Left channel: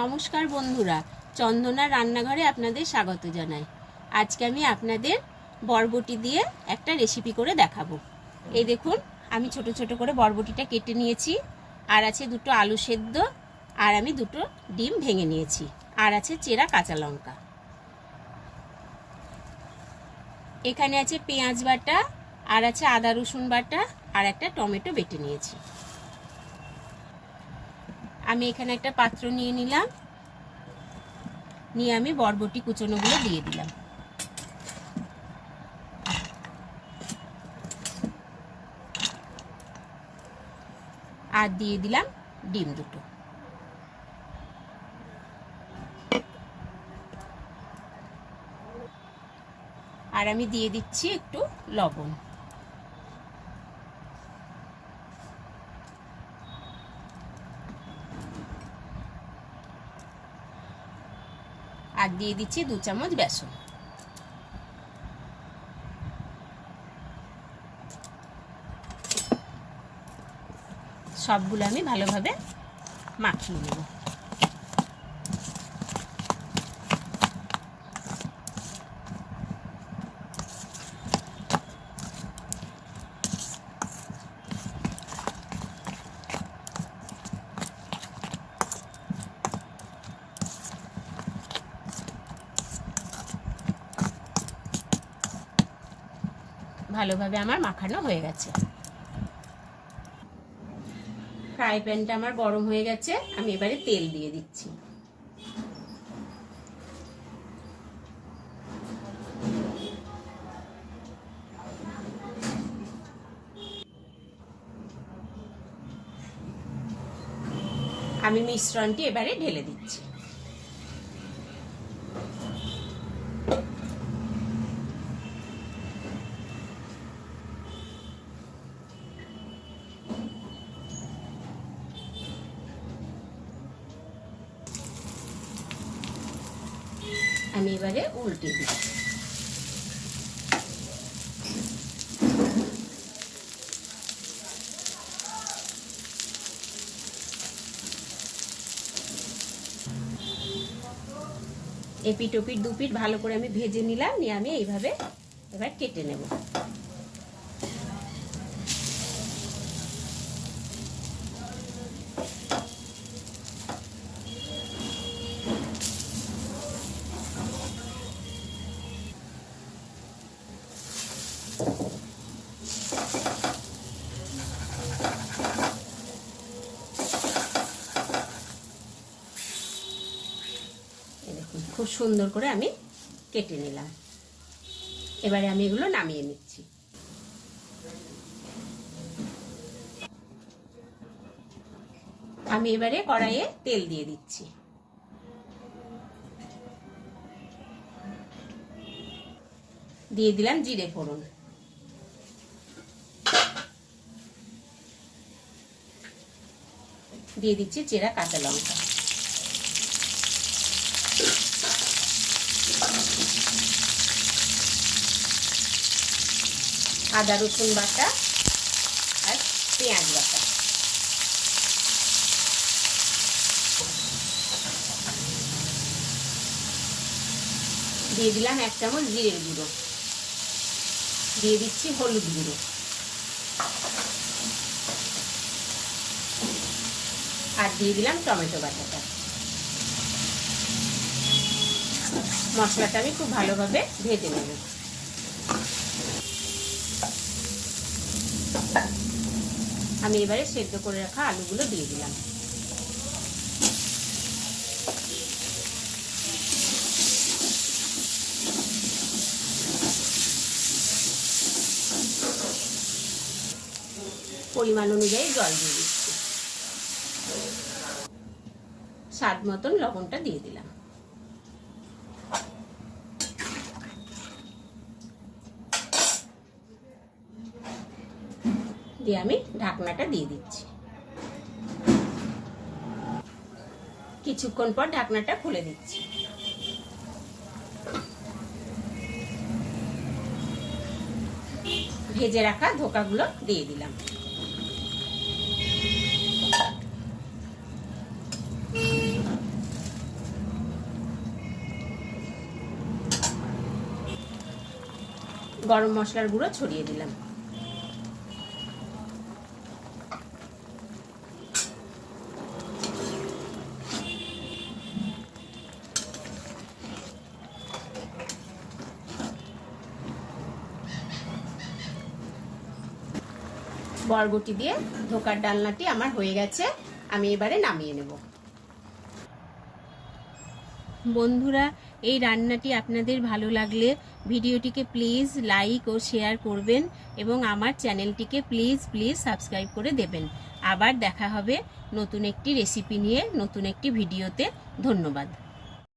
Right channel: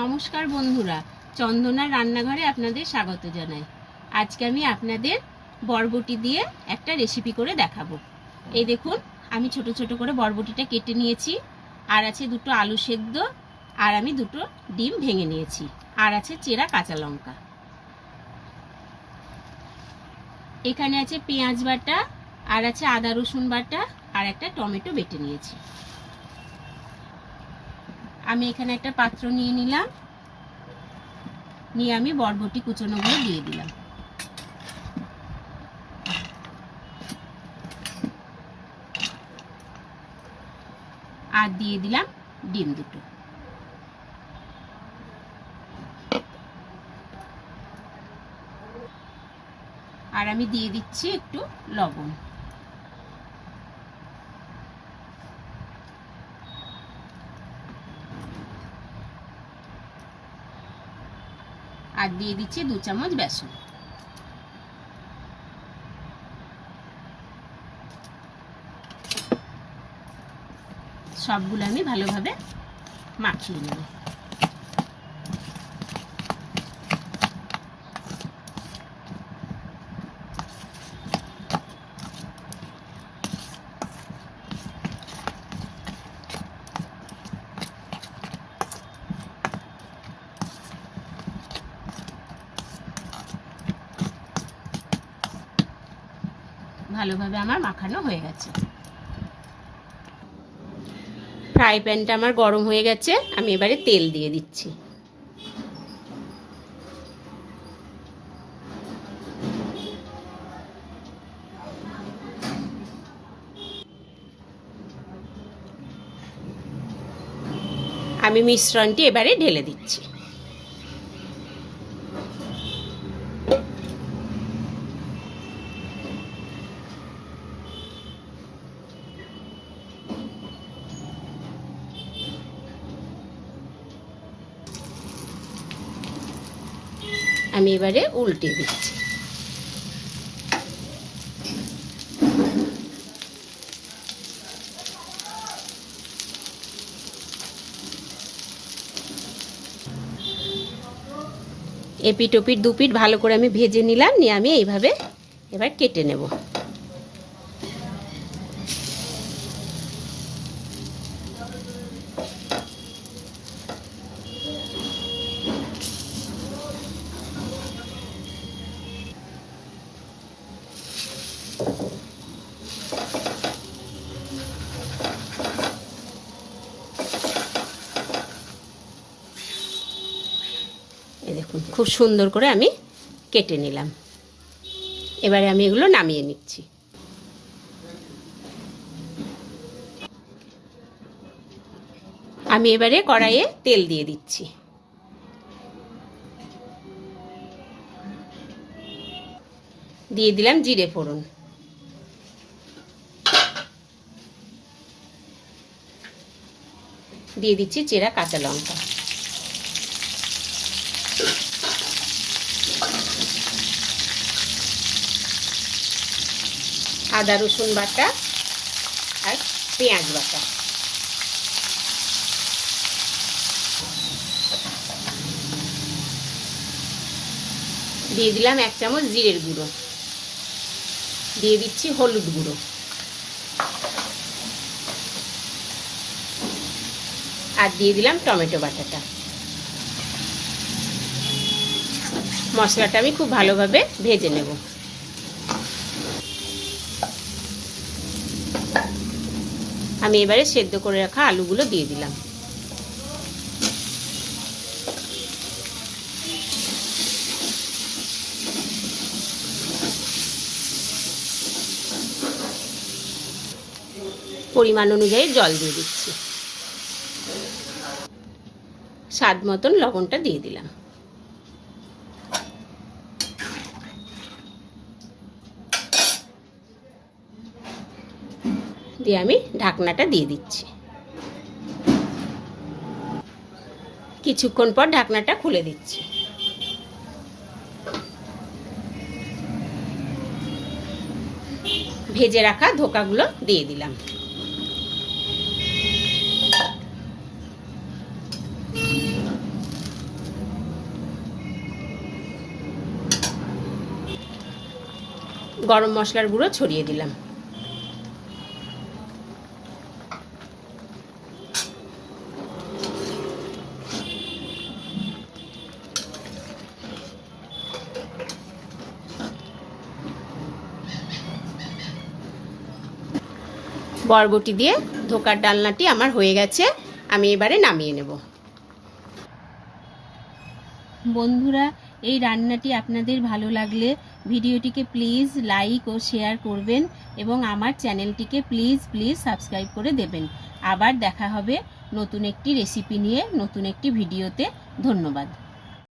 নমস্কার বন্ধুরা, চন্দনা রান্নাঘরে আপনাদের স্বাগত জানাই। আজকে আমি আপনাদের বরবটি দিয়ে একটা রেসিপি করে দেখাবো। এই দেখুন, আমি ছোট ছোট করে বরবটিটা কেটে নিয়েছি, আর আছে দুটো আলু সেদ্ধ, আর আমি দুটো ডিম ভেঙে নিয়েছি, আর আছে চেরা কাঁচা লঙ্কা। এখানে আছে পেঁয়াজ বাটা, আর আছে আদা রসুন বাটা, আর একটা টমেটো বেটে নিয়েছি। আমি এখানে একটা পাত্র নিয়ে নিলাম, নিয়ে আমি বরবটি কুচনোগুলো দিয়ে দিলাম। আর দিয়ে দিলাম ডিম দুটো। আর আমি দিয়ে দিচ্ছি একটু লবণ। আর দিয়ে দিচ্ছি 2 চামচ বেসন। সবগুলো আমি ভালোভাবে মাখিয়ে নেব। ভালোভাবে আমার মাখানো হয়ে গেছে। ফ্রাই প্যানটা আমার গরম হয়ে গেছে, আমি এবারে তেল দিয়ে দিচ্ছি। আমি মিশ্রণটি এবারে ঢেলে দিচ্ছি। আমি এবারে উল্টে দিচ্ছি। এপিট ওপিট দুপিট ভালো করে আমি ভেজে নিলাম, নিয়ে আমি এইভাবে এবার কেটে নেব। এই দেখুন, খুব সুন্দর করে আমি কেটে নিলাম। এবারে আমি এগুলো নামিয়ে নিচ্ছি। আমি এবারে কড়াইয়ে তেল দিয়ে দিচ্ছি। দিয়ে দিলাম জিরে ফোড়ন। দিয়ে দিচ্ছি চেরা কাঁচা লঙ্কা। আদা রসুন বাটা আর পেঁয়াজ বাটা। দিয়ে দিলাম 1 চামচ জিরের গুঁড়ো। দিয়ে দিচ্ছি হলুদ গুঁড়ো। আর দিয়ে দিলাম টমেটো বাটাটা। মশলাটা আমি খুব ভালোভাবে ভেজে নেব। আমি এবারে সেদ্ধ করে রাখা আলুগুলো দিয়ে দিলাম। পরিমাণ অনুযায়ী জল দিয়ে দিচ্ছি। স্বাদ মতন লবণটা দিয়ে দিলাম। দিয়ে আমি ঢাকনাটা দিয়ে দিচ্ছি। কিছুক্ষণ পর ঢাকনাটা খুলে দিচ্ছি। ভেজে রাখা ধোকাগুলো দিয়ে দিলাম। গরম মশলার গুঁড়ো ছড়িয়ে দিলাম। বরবটি দিয়ে ধোকার ডালনাটি আমার হয়ে গেছে, আমি এবারে নামিয়ে নেব। বন্ধুরা, এই রান্নাটি আপনাদের ভালো লাগলে ভিডিওটিকে প্লিজ লাইক ও শেয়ার করবেন এবং আমার চ্যানেলটিকে প্লিজ সাবস্ক্রাইব করে দেবেন। আবার দেখা হবে নতুন একটি রেসিপি নিয়ে, নতুন একটি ভিডিওতে। ধন্যবাদ।